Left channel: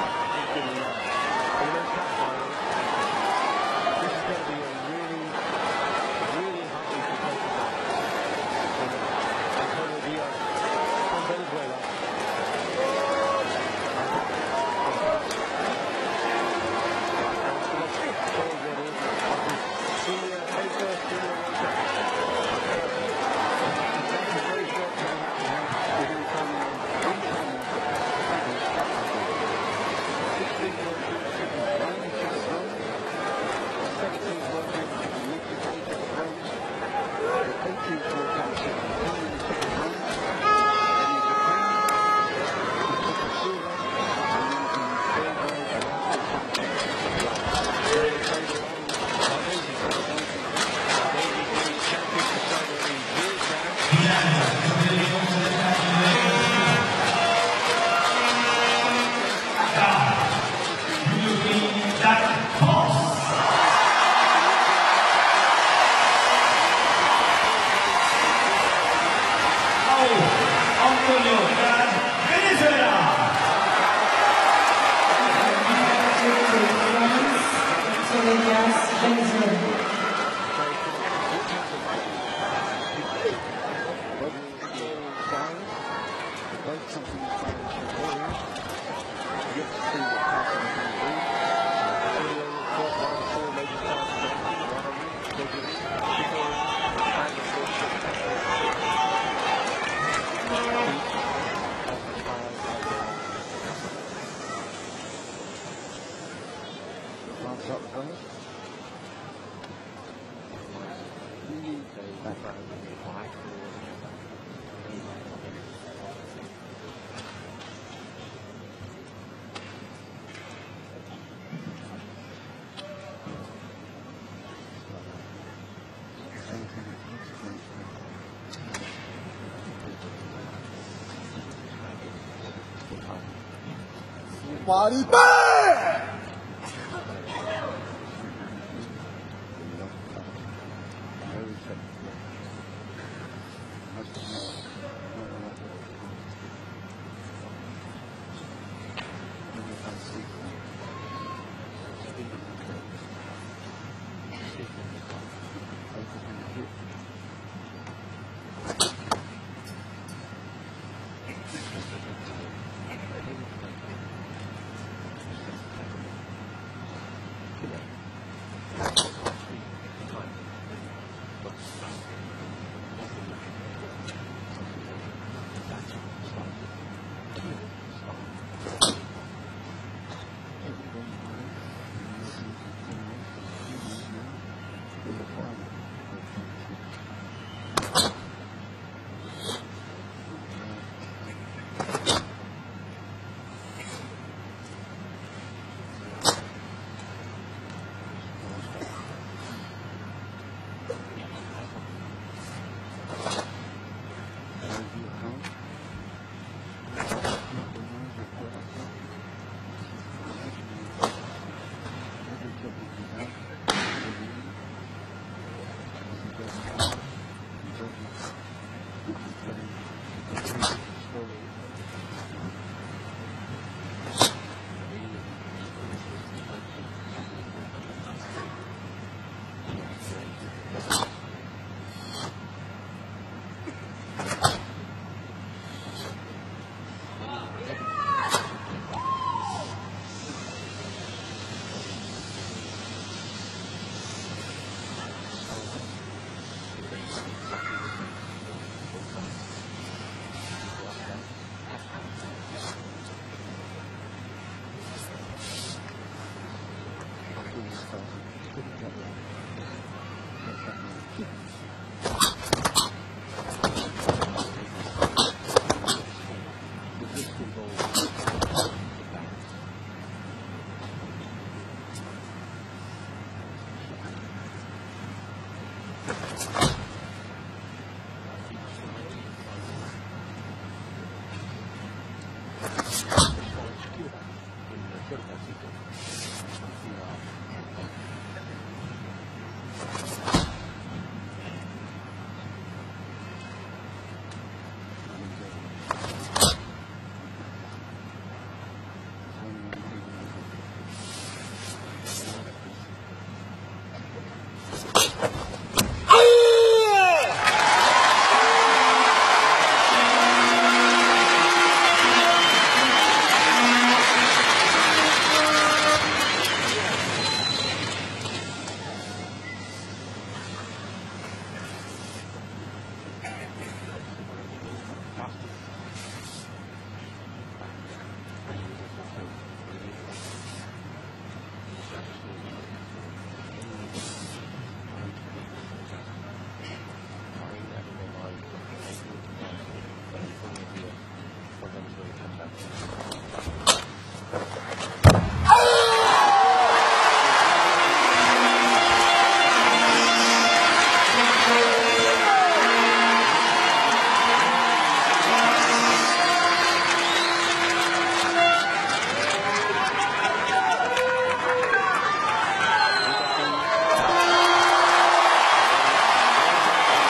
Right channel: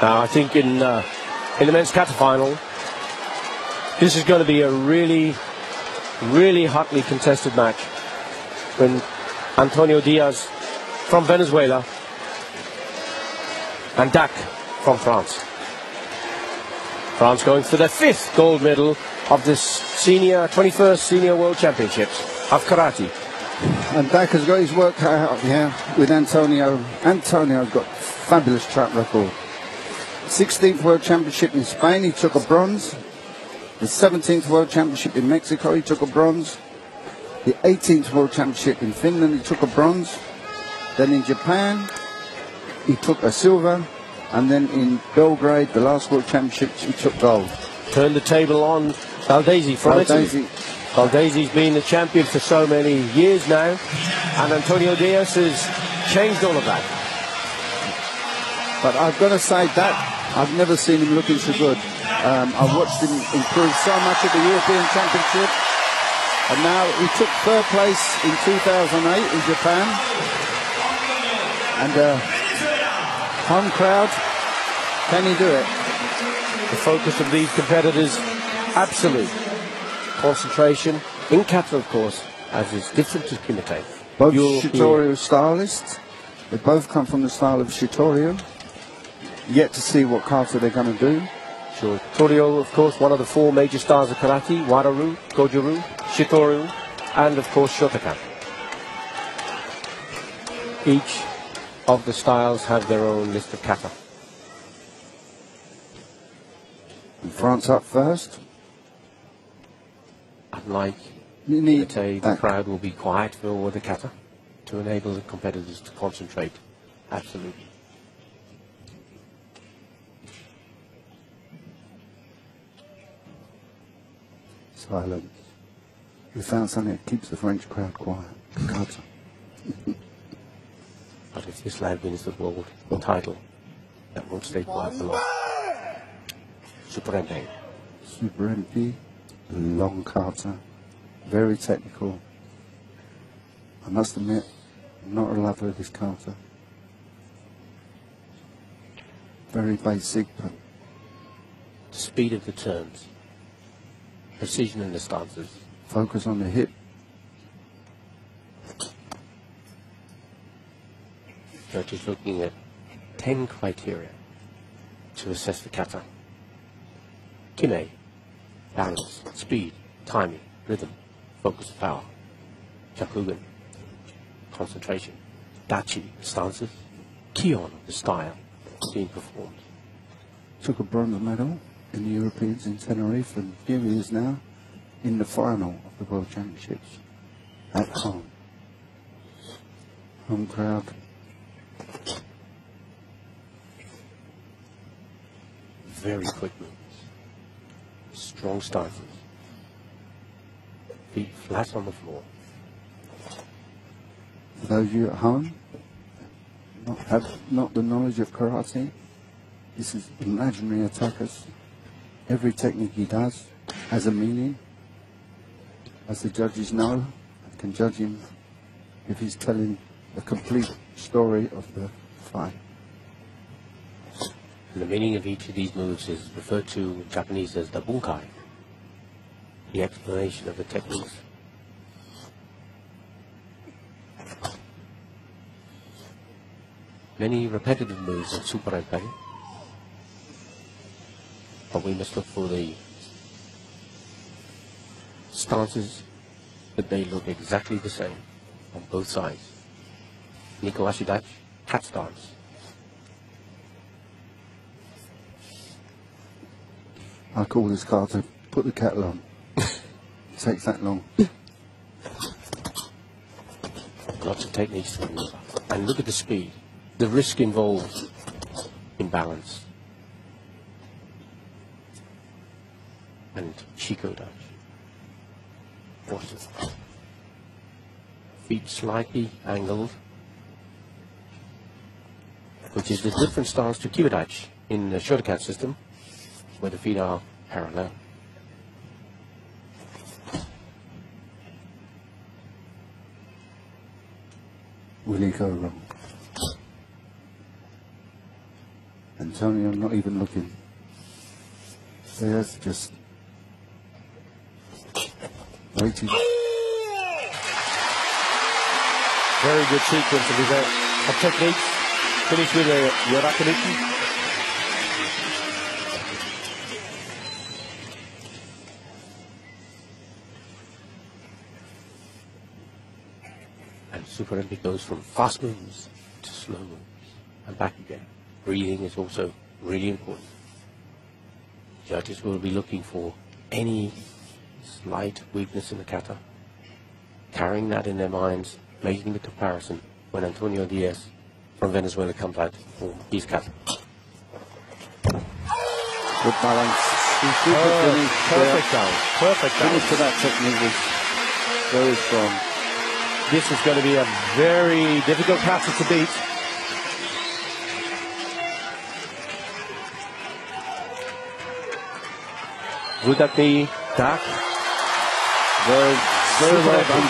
I think in the men's kata final, this is going to be a really, really hotly contested match. When Antonio Diaz from Venezuela and Dak from France. France going for their 5th gold medal of this 21st Senior World Championships of Karate. And Dak has got his work cut out here with Antonio. Antonio got a fabulous track record. 16th World Championship in Spain, he took a bronze. The 17th World Championship in Mexico, he took a bronze. The 18th World Championship in Finland, he took a bronze. Then in Japan, he took a silver. And then in Belgrade, the last World Championship, he took gold. Turn the table on Baldesi from Italy. Baldesi's been the champion for so many years now. And Antonio Diaz has changed all of that. But I've got to say that I've never seen him looking so good. I've watched him improve so much at the European Championship. And now he took 3rd place in 2008 in Japan. And home crowd, can you do it? The focus of these competitors, absolute concentration in kata, of course, as is different to kumite. Both Shitorio stylists. They both come from the style of Shitorio. Yet to see what kata they're going to do. So Shitorio, of course, one of the 4 major styles of karate: Wadaru, Goju-ryu, Shitorio, and of course Shotokan. Each of the styles have their own list of kata. France up first. Unlike kumite, the crowd will be quiet for all the kata to enable the competitors to concentrate. Absolutely. Silent. You found something that keeps the French crowd quiet. But if this lad wins the world title, that will stay Super MP, long kata, very technical. I must admit, I'm not a lover of this kata. Very basic. Speed of the turns, precision in the stances. Focus on the hip. We're just looking at 10 criteria to assess the kata. Kime, balance, speed, timing, rhythm, focus, power, jakugan, concentration, dachi, stances, kion, the style being performed. Took a bronze medal in the Europeans in Tenerife, and here he is now in the final of the World Championships at home. Home crowd. Very quick. Strong start. Feet flat on the floor. Those of you at home have not the knowledge of karate. This is imaginary attackers. Every technique he does has a meaning. As the judges know, can judge him if he's telling a complete story of the fight. The meaning of each of these moves is referred to in Japanese as the bunkai, the explanation of the techniques. Many repetitive moves in Super Ren, but we must look for the stances that they look exactly the same on both sides. Niko Ashidachi, cat stance. I call this card to put the kettle on. It takes that long. Lots of techniques. And look at the speed. The risk involved in balance. And Shikoda. Feet slightly angled. Which is the different stance to Kibidachi in the Shotokan system, where the feet are parallel. really go wrong. Antonio not even looking. There's just waiting. Very good sequence of technique. Pretty through the Yorakulichi. And Super Olympic goes from fast movements to slow movements and back again. Breathing is also really important. Judges will be looking for any slight weakness in the kata, carrying that in their minds, making the comparison when Antonio Diaz from Venezuela comes out with his kata. Good balance. Perfect balance. Perfect balance. To that technique is very strong. This is going to be a very difficult kata to beat. Would that be tough? Very well done.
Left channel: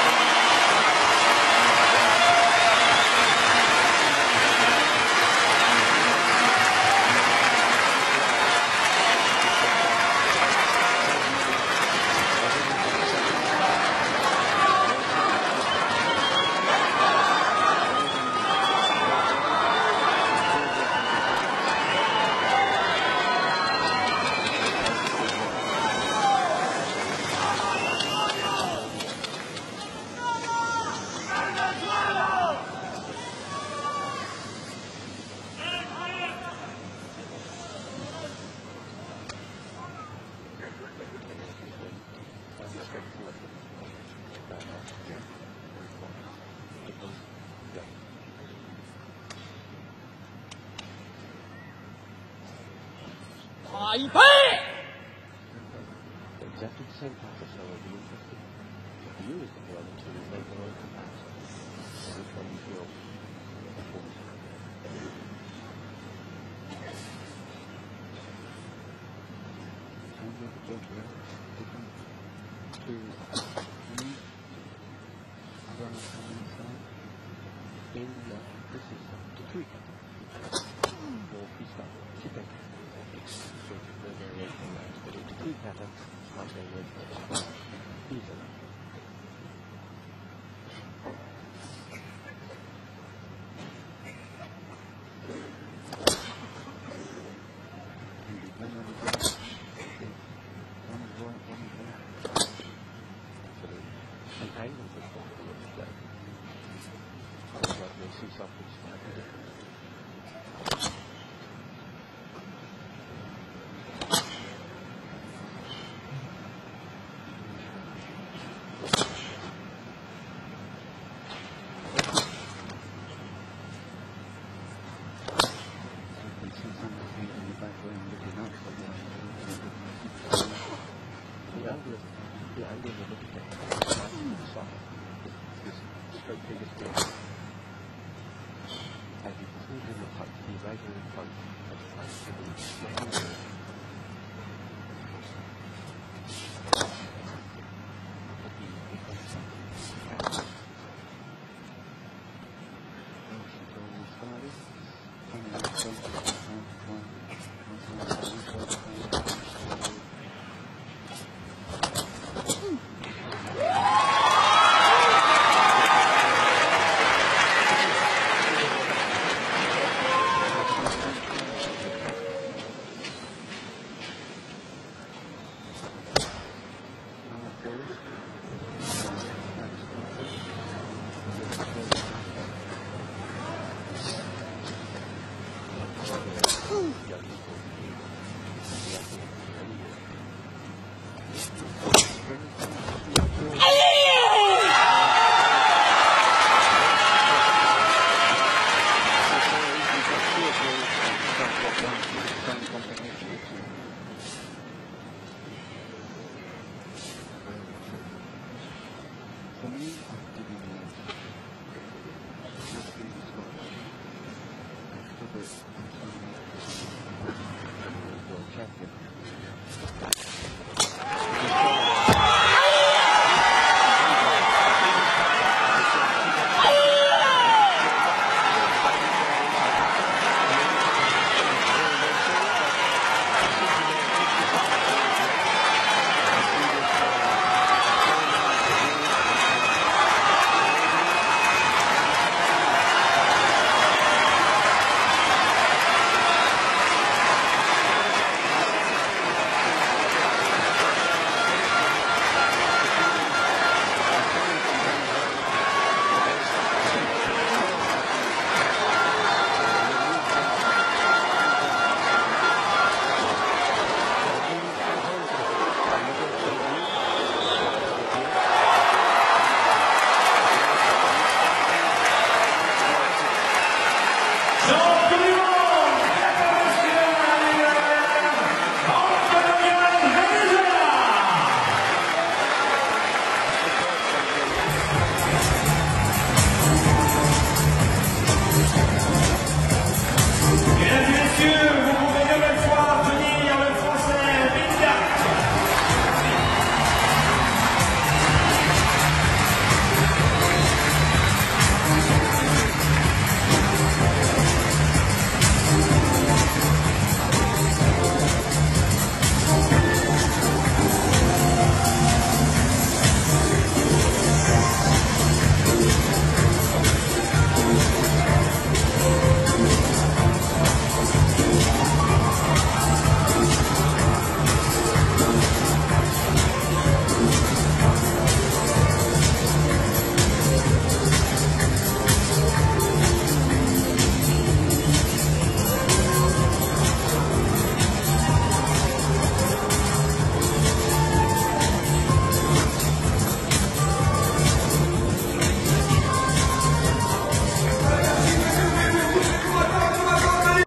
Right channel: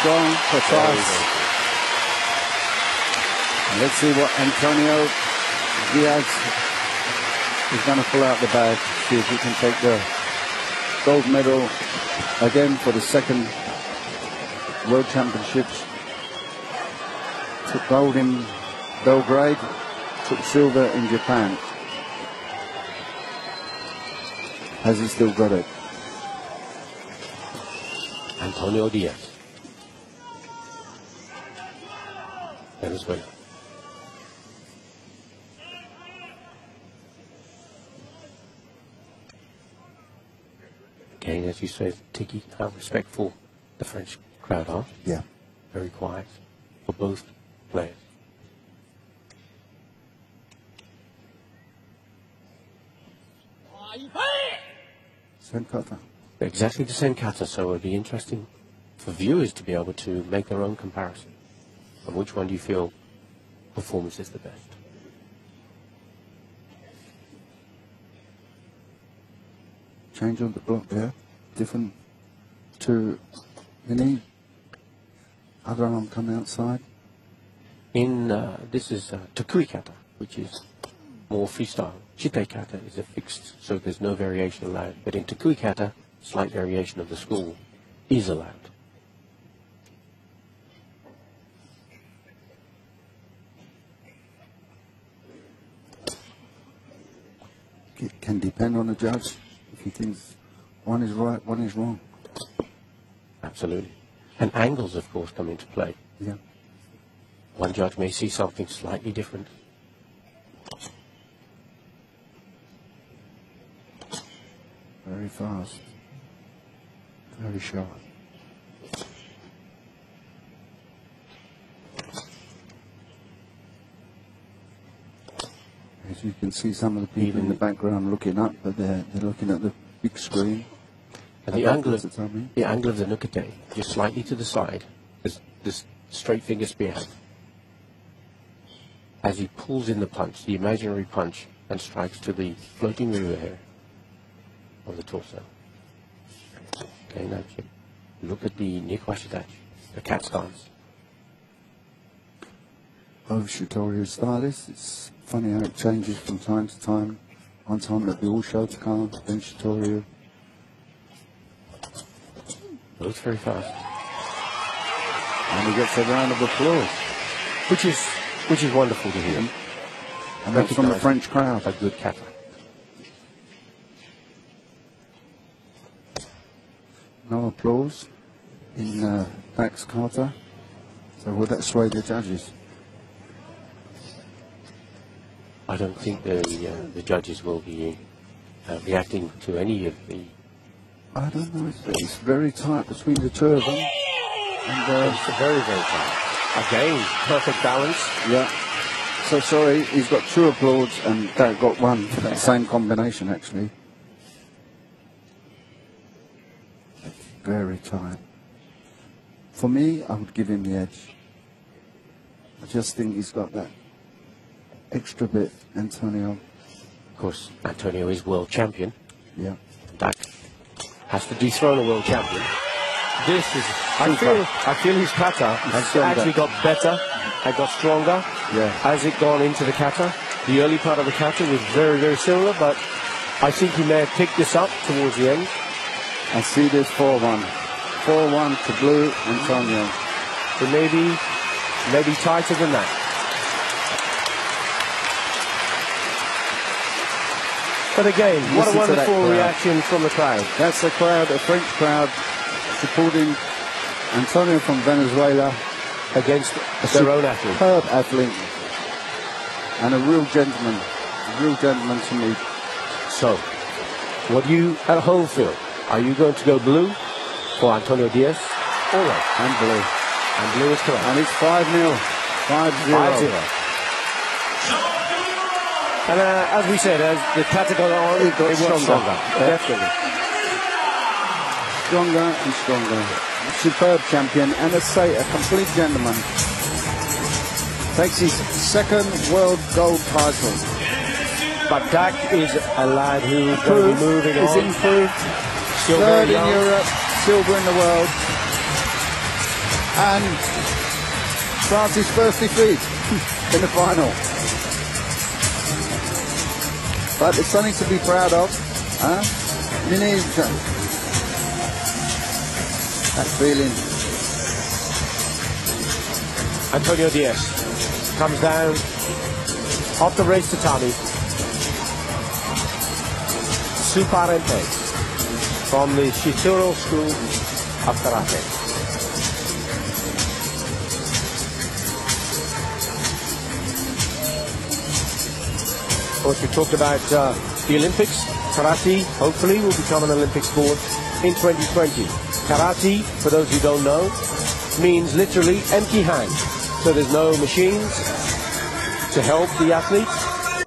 Strong, precise. Let's see what Antonio Diaz is going to pull out the bag. See if he can take the gold medal again for the second World Championship. Took gold in Belgrade, took silver in Japan. Has he still got it? Antonio Diaz. Venezuela. Again, as you said, Tiki, how respectful the French crowd are. Yeah. Very quiet for both players. Exactly the same kata, so it would be interesting for viewers to be able to make their own comparison on which one do you feel performance is the best. Change on the block there. Different to any other arm coming outside. In this is Takui kata, which is more freestyle. Chite kata is a fixed, so there's no variation allowed. But in Takui kata, slight variation of the school is allowed. It can depend on the judge. If he thinks one is right, one is wrong. Absolutely. And angles, of course, come into play. Yeah. One judge may see something slightly different. Very fast. Very sharp. As you can see, some of the people in the background looking up, but they're looking at the big screen. And the angle of the nukete is slightly to the side. This straight finger spear. As he pulls in the punch, the imaginary punch, and strikes to the floating rear hair on the torso. Okay, now look at the Nikwashita, the cat stance. Both Shitori's stylists. It's funny how it changes from time to time. One time the dual shows come, then Shitori. It's very fast. And he gets a round of applause. Which is wonderful to hear. And that's from the French crowd. A good cat. No applause in Max Carter. So will that sway the judges? I don't think the judges will be reacting to any of the... I don't know. It's very tight between the two of them. And, it's very, very tight. Again, perfect balance. Yeah. So sorry, he's got two applauds and Derek got one. Same combination, actually. Very tight. For me, I would give him the edge. Just think he's got that extra bit, Antonio. Of course, Antonio is world champion. Yeah. That has to dethrone a world champion. This is I feel his kata has actually got better and got stronger as it gone into the kata. The early part of the kata was very, very similar, but I think he may have picked this up towards the end. I see this 4-1. 4-1 to blue Antonio. It may be tighter than that. But again, what a wonderful reaction from the crowd. That's the crowd, a French crowd supporting Antonio from Venezuela against their own athlete. Superb athlete. And a real gentleman to meet. So, what do you at home feel? Are you going to go blue for Antonio Diaz? And blue. And blue is correct. And it's 5-0. 5-0. And as we said, as the category on, it got stronger. Stronger and stronger. Superb champion, and a complete gentleman. Takes his second world gold title. But that is a lad who is moving on. Improved. Third in Europe, silver in the world. And France's first defeat in the final. But it's something to be proud of. You need that feeling. Antonio Diaz comes down off the race tatami. Suparete from the Shituro School of Karate. Of course, we talked about the Olympics. Karate, hopefully, will become an Olympic sport in 2020. Karate, for those who don't know, means literally empty hands. So there's no machines to help the athletes.